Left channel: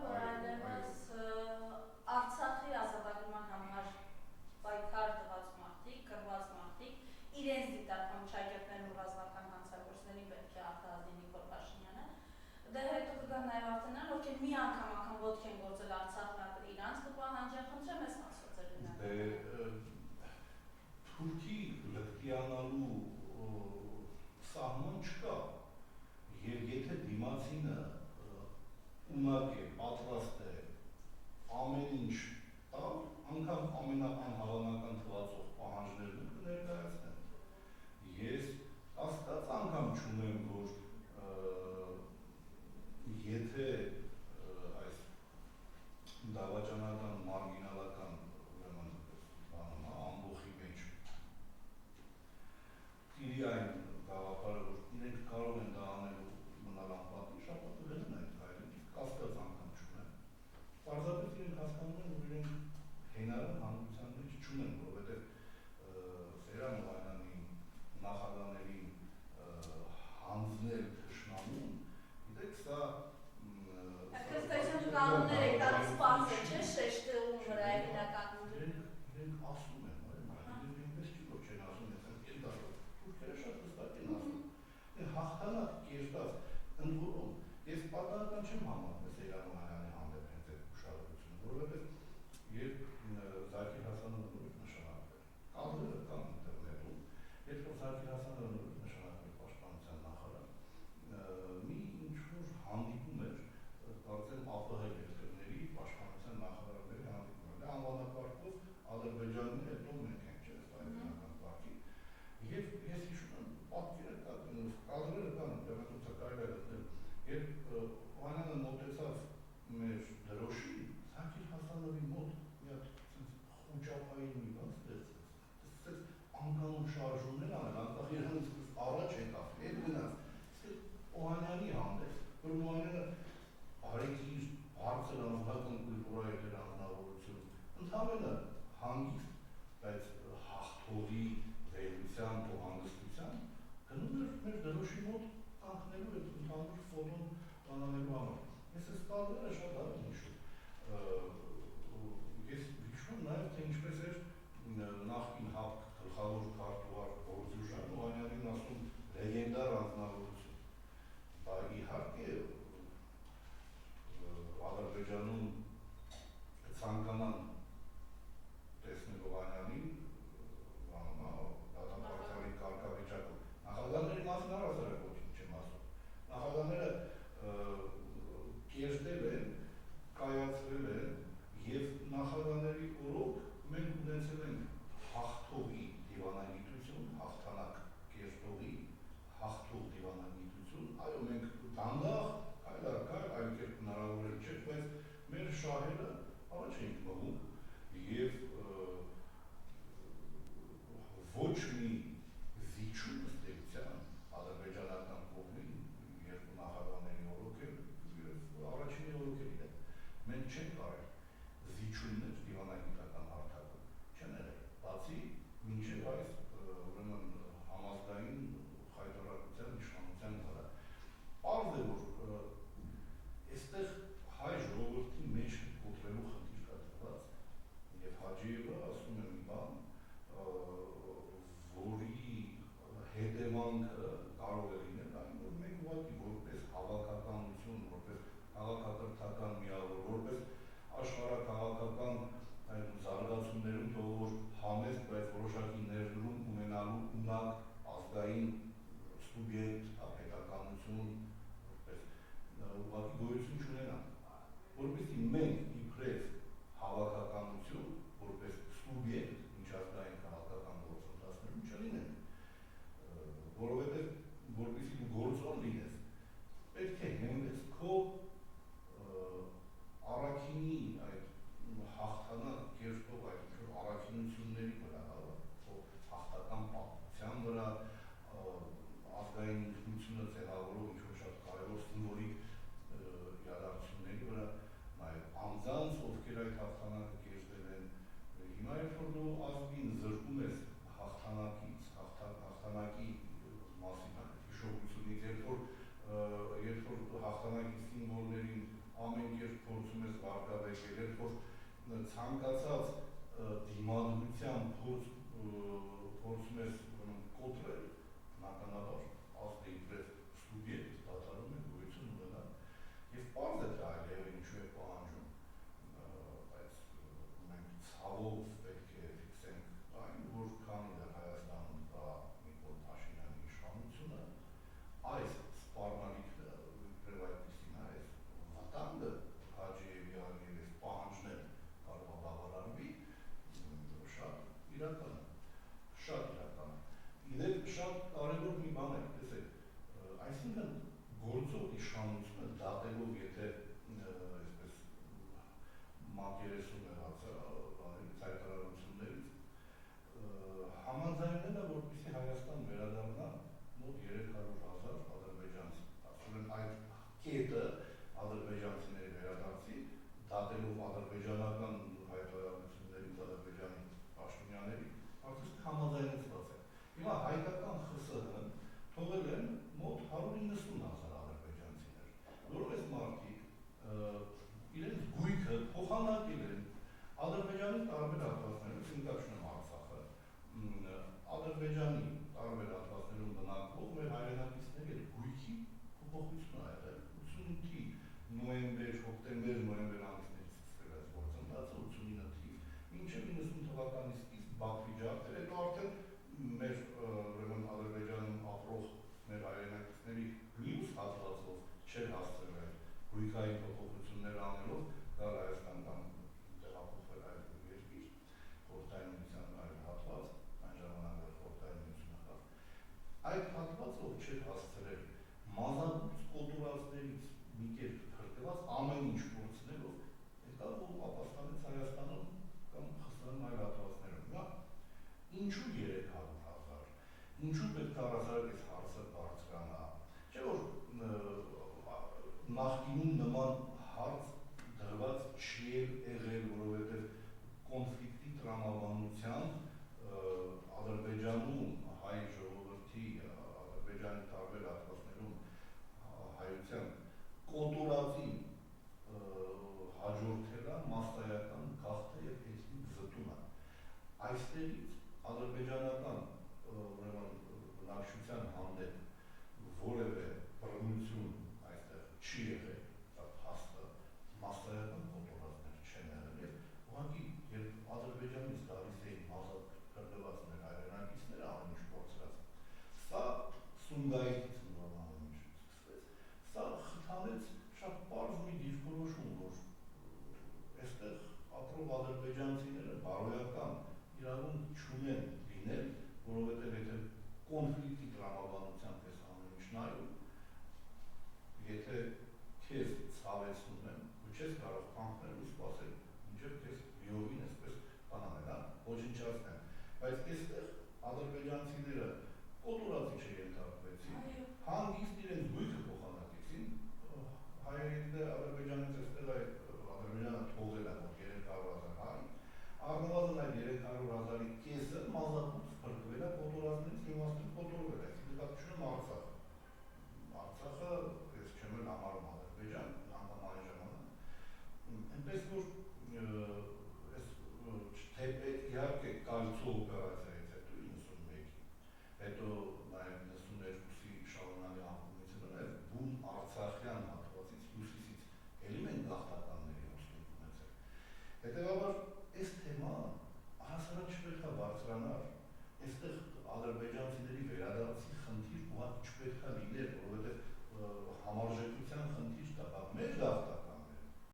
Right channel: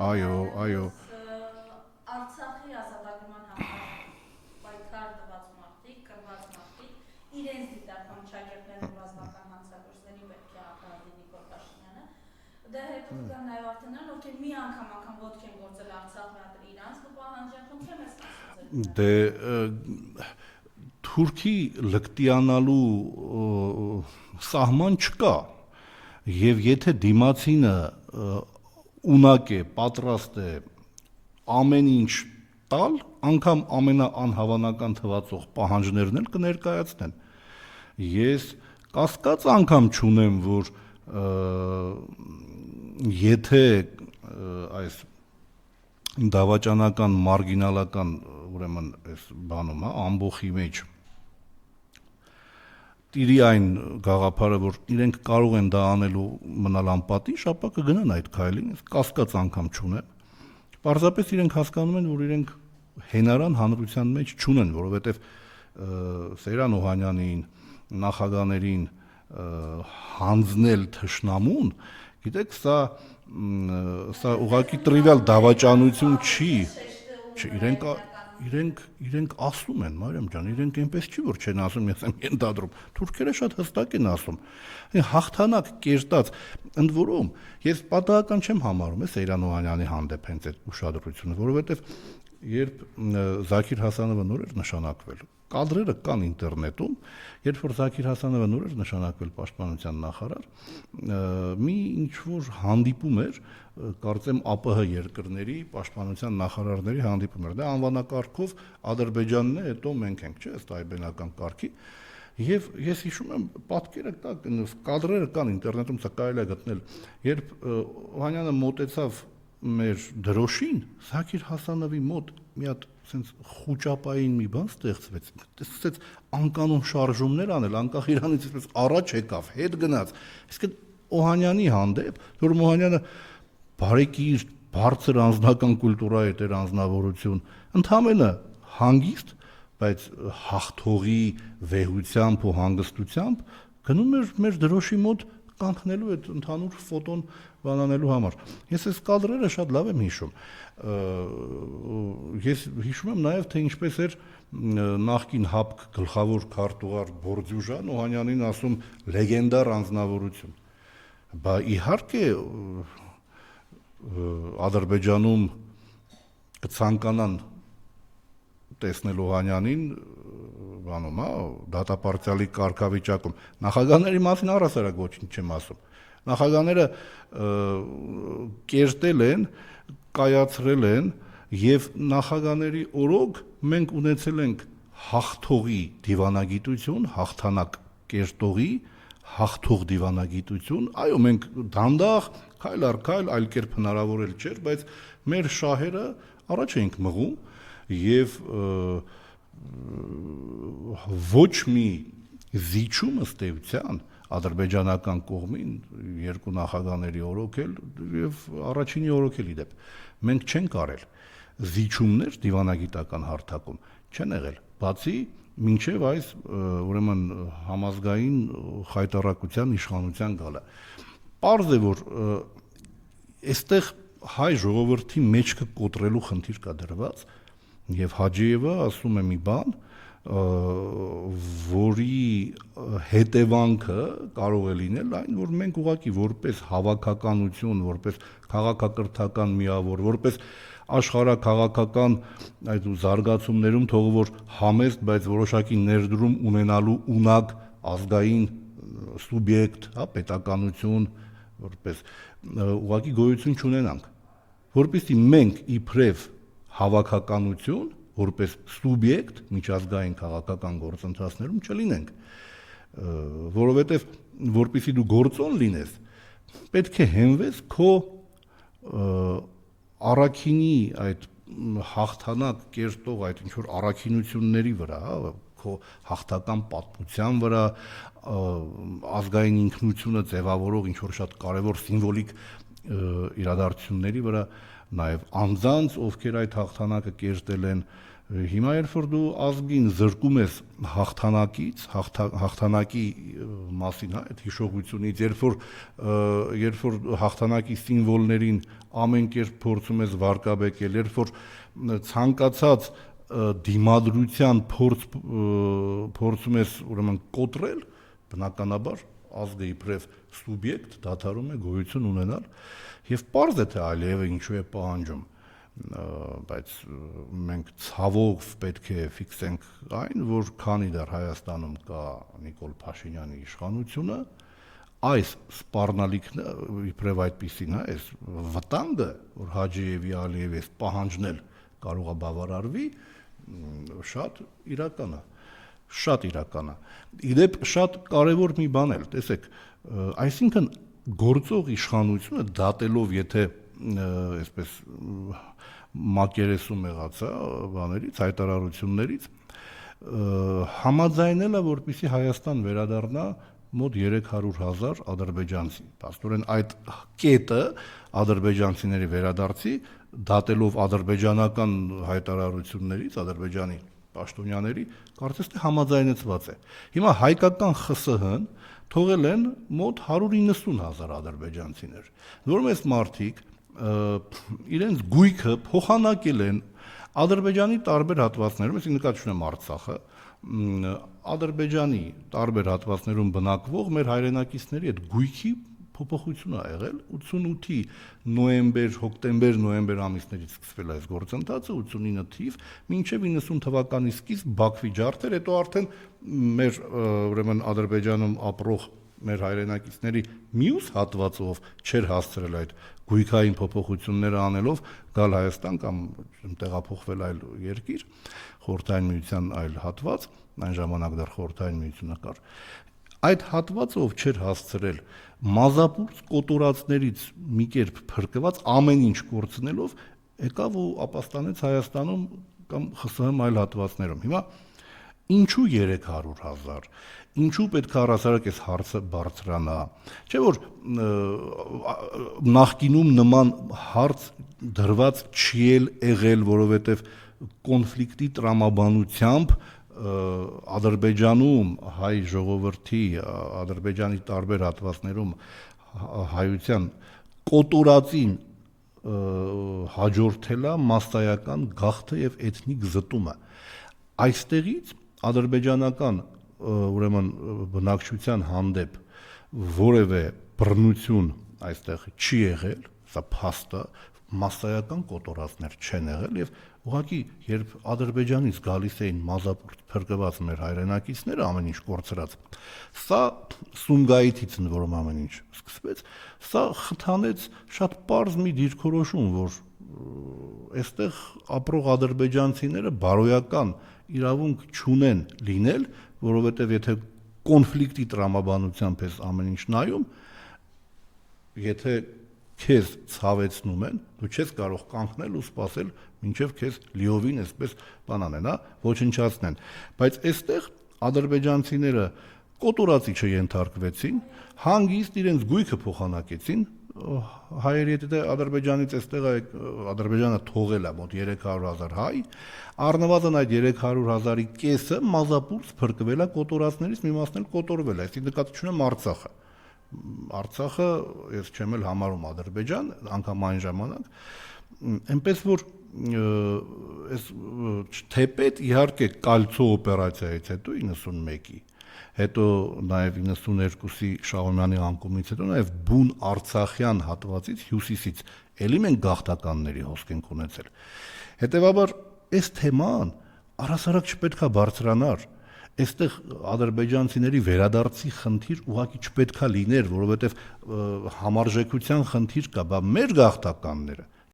այո, Արցախի ազատագրման համար պայքար տված մարդիկ, կռված մարդիկ իրենց դիտարկում շագերտներով ռազմական հանցագործների պետք է արտահայտի Նիկոլ Փաշինյանը։ Դե հետո կան նաև արտոններ, ովքեր մի անգամ ոտք են գործել Արցախը իրանց կպահանջեն, խնդրեմ ես ասացել։ դե Թուրքի լկտիանալու սահման չկա, եւ եթե դիմացինը ունակ է, պատրաստ է ամեն ինչ տալ, անգամ ամենաանհավանական թվացող պահանջներն էլ կներկայացնեն։ Ես կասկած անգամ չունեմ, որ եթե այս դավաճանական մարգինալական ուրեմն այս բանում, ամբողջի մեջ տիրի այն գաղափարը, որ իրենք կարող են դա անելու մնալ անպատիժ, ապա կգնան այդ քայլին, կասկած անգամ չունեմ։ Պարզապես իրենք հասկանում են, որ իրենք հենարան հանրության մեջ չունեն, որովհետև Սեյրան Օհանյանին, նախագաներին հանձնել թշնամուն, գիտեք, սա ուղղակի տրիվիալ դավաճանություն չի, իրենք ասում են, Մարիամ ջան, իրենք այնպես չի, որ չեն ասում, ես եմ ենթադրում, թուրքերը շատ հստակ են ասում, հաղթանակ կերտած, ընդ որում, ես պատահական չեմ համարում Սեյրան Օհանյանի հանդեպ հենց այդ ուշադրությունը, որովհետև երբ Զաքիր Հասանովը նոր էր նշանակվել, կադրերը կան ինտերնետում, երբ որ Զաքիր Հասանովը նոր էր նշանակվել պաշտպանության նախարար, մի ինչ-որ հանդիպում էր, կարծեմ ԱՊՀ երկրների պաշտպանության նախարարների հանդիպում էր, դա անվանակարգով Ադրբեջանն է, հետո մենք ենք, չէ՞, ըստ այբենական կարգի, եւ ես հիշում եմ պատկերը կա, կադրերը կան ինտերնետում, սա կարելի է գտնել, երբ Օհանյանը մոտեցավ մեր դրոշին, Զաքիր Հասանովի մոտ մի հատ sense խուճապային մի բան ստեղծվեց, տեսած անկանոն շարժումներ անել, անկախ իրանից այսպես առաջ եկավ, հետ գնաց, իսկ Օհանյանի հանդեպ, որ Օհանյանը բարեկիր, բարձր անձնական կուլտուրայի էր անձնավորություն, ընդհանրապես հանգիստ, բայց հաղթողի վեհությամբ ու հանգստությամբ գնում էր մեր դրոշի մոտ կանգնելու այդ ընդհանուր ֆոտոն բանանելու համար։ Ես այս կադրերը շատ լավ եմ հիշում։ Ես հիշում եմ նաև թե ինչպես էր նախկին ՀԱՊԿ գլխավոր քարտուղար Բորդյուժան Օհանյանին ասում լեգենդար անձնավորություն։ Բա իհարկե Ադրբեջանում կցանկանան տեսնել Օհանյանին բանում, դատապարտյալի կարգավիճակում։ Նախագահների մասին առհասարակ ոչինչ չեմ ասում։ Նախագահները կերտել են, կայացրել են եւ նախագահների օրոք մենք ունեցել ենք հաղթողի դիվանագիտություն, հաղթանակ կերտողի, հաղթող դիվանագիտություն, այո, մենք դանդաղ քայլ առ քայլ այլ կերպ հնարավոր էլ չէր, բայց մեր շահերը առաջ էինք մղում եւ ոչ մի զիջում ըստ էության ադրբեջանական կողմին երկու նախագահների օրոքել եւ առաջինի օրոքել իդեպ մենք չենք արել զիջումներ դիվանագիտական հարթակում չեն եղել բացի մինչեւ այս ուրեմն համազգային խայտառակության իշխանության գալը պարզ է որ այստեղ հայ ժողովրդի մեջքը կոտրելու խնդիր կա դրված եւ Հաջիևը ասում է մի բան որի հետևանքը կարող է լինել այն որ մենք ուղղակի որպես հավաքականություն որպես քաղաքակրթական միավոր որպես աշխարհակաղակական այդ զարգացումներում թող որ համեստ բայց որոշակի ներդրում ունենալու ունակ ազգային սուբյեկտ հա պետականություն որպես ուղղակի գոյություն չունենանք որպեսզի մենք իբրև հավաքականություն որպես սուբյեկտ միջազգային քաղաքական գործընթացներում չլինենք որովհետև որպեսզի դու գործոն լինես պետք է հենվես քո առաքինի այդ հաղթանակ կերտող այդ ինչ որ առաքինությունների վրա քո հաղթական պատմության վրա ազգային ինքնությունը ձևավորող ինչ որ շատ կարևոր սիմվոլիկ իրադարձությունների վրա նաև անձանց ովքեր այդ հաղթանակը կերտել են Հիմա երբ որ դու ազգին զրկում ես հաղթանակի մասին, այդ հիշողությունից, երբ որ հաղթանակի սիմվոլներին ամեն կերպ փորձում ես վարկաբեկել, երբ որ ցանկացած դիմադրության փորձում ես ուրեմն կոտրել, բնականաբար ազգը իբրև սուբյեկտ դադարում է գոյություն ունենալ եւ պարզ է թե Ալիևը ինչու է պահանջում, բայց մենք ցավով պետք է ֆիքսենք այն, որ քանի դեռ Հայաստանում կա Նիկոլ Փաշինյանի իշխանությունը, այս սպառնալիքն իբրև այդպիսին է, այս վտանգը, որ Հաջիևի Ալիևի այս պահանջն էլ կարող է բավարարվի, շատ իրական է։ Իդեպ շատ կարևոր մի բան էլ, տեսեք, այսինքն գործող իշխանությունը դատելով, եթե այսպես մակերեսում եղած բաներից, հայտարարություններից, համաձայնել է, որպեսզի Հայաստան վերադառնա մոտ 300,000 ադրբեջանցի։ Աստորեն այդ կետը ադրբեջանցիների վերադարձի, դատելով ադրբեջանական հայտարարություններից, Ադրբեջանի պաշտոնյաների, կարծես թե համաձայնեցված է։ Հիմա հայկական ԽՍՀ-ն թողել են մոտ 190,000 ադրբեջանցիներ, որում այս մարդիկ իրենց գույքը փոխանակել են Ադրբեջանի տարբեր հատվածներում, այսինքն նկատի ունեմ Արցախը, Ադրբեջանի տարբեր հատվածներում բնակվող մեր հայրենակիցների այդ գույքի փոփոխություն ա եղել 88-ի հոկտեմբեր-նոյեմբեր ամիսներից սկսվել այս գործընթացը 89 թիվ մինչև 90 թվականի սկիզբ Բաքվի ջարդեր, հետո արդեն մեր ուրեմն Ադրբեջանում ապրող մեր հայրենակիցների մյուս հատվածով չէր հասցրել այդ գույքային փոփոխությունները անելով գալ Հայաստան կամ տեղափոխվել այլ երկիր, Խորհրդային Միության այլ հատված, այն ժամանակ դեռ Խորհրդային Միությունը կար։ Այդ հատվածով չէր հասցրել մազապուրց կոտորածներից մի կերպ փրկված ամեն ինչ կորցնելով եկավ ու ապաստանեց Հայաստանում կամ ԽՍՀՄ այլ հատվածներում։ Հիմա ինչու 300,000, ինչու պետք է առհասարակ այս հարցը բարձրանա, չէ՞ որ նախկինում նման հարց դրված չի եղել, որովհետև կոնֆլիկտի տրամաբանությամբ Ադրբեջանում հայ ժողովրդի, Ադրբեջանի տարբեր հատվածներում հայության կոտորածին հաջորդել է մասսայական գաղթը եւ էթնիկ զտումը։ Այստեղից ադրբեջանական ուրեմն բնակչության հանդեպ որևէ բռնություն այստեղ չի եղել, սա փաստ է, մասսայական կոտորածներ չեն եղել եւ ուղղակի երբ Ադրբեջանից գալիս էին մազապուրտ փրկված մեր հայրենակիցները ամեն ինչ կորցրած, սա Սումգայիթից ընդ որում ամեն ինչ սկսվեց, սա խթանեց շատ պարզ մի դիրքորոշում, որ այստեղ ապրող ադրբեջանցիները բարոյական իրավունք չունեն լինել, որովհետև եթե կոնֆլիկտի տրամաբանությամբ ես ամեն ինչ նայում, եթե քեզ ցավեցնում են, դու չես կարող կանգնել ու սպասել մինչև քեզ լիովին այսպես բան անեն, ոչնչացնեն, բայց այստեղ ադրբեջանցիները կոտորածի չենթարկվեցին, հանգիստ իրենց գույքը փոխանակեցին, հայերի հետ Ադրբեջանից այստեղ Ադրբեջանը թողել է մոտ 300,000 հայ, առնվազն այդ 300,000-ի կեսը մազապուրց փրկվել է կոտորածներից, մի մասն էլ կոտորվել է, այսինքն նկատի ունեմ Արցախը։ Արցախը ես չեմ էլ համարում Ադրբեջան, անգամ այն ժամանակ, այնպես որ այս թեպետ իհարկե կալցո օպերացիայից հետո 91-ի, հետո նաև 92-ի Շահումյանի անկումից հետո նաև բուն արցախյան հատվածից հյուսիսից էլի մենք գաղթականների հոսք ենք ունեցել։ Հետևաբար այս թեման առհասարակ չպետք է բարձրանար, այստեղ ադրբեջանցիների վերադարձի խնդիր ուղղակի չպետք է լիներ, որովհետև համարժեքության խնդիր կա, բա մեր գաղթականները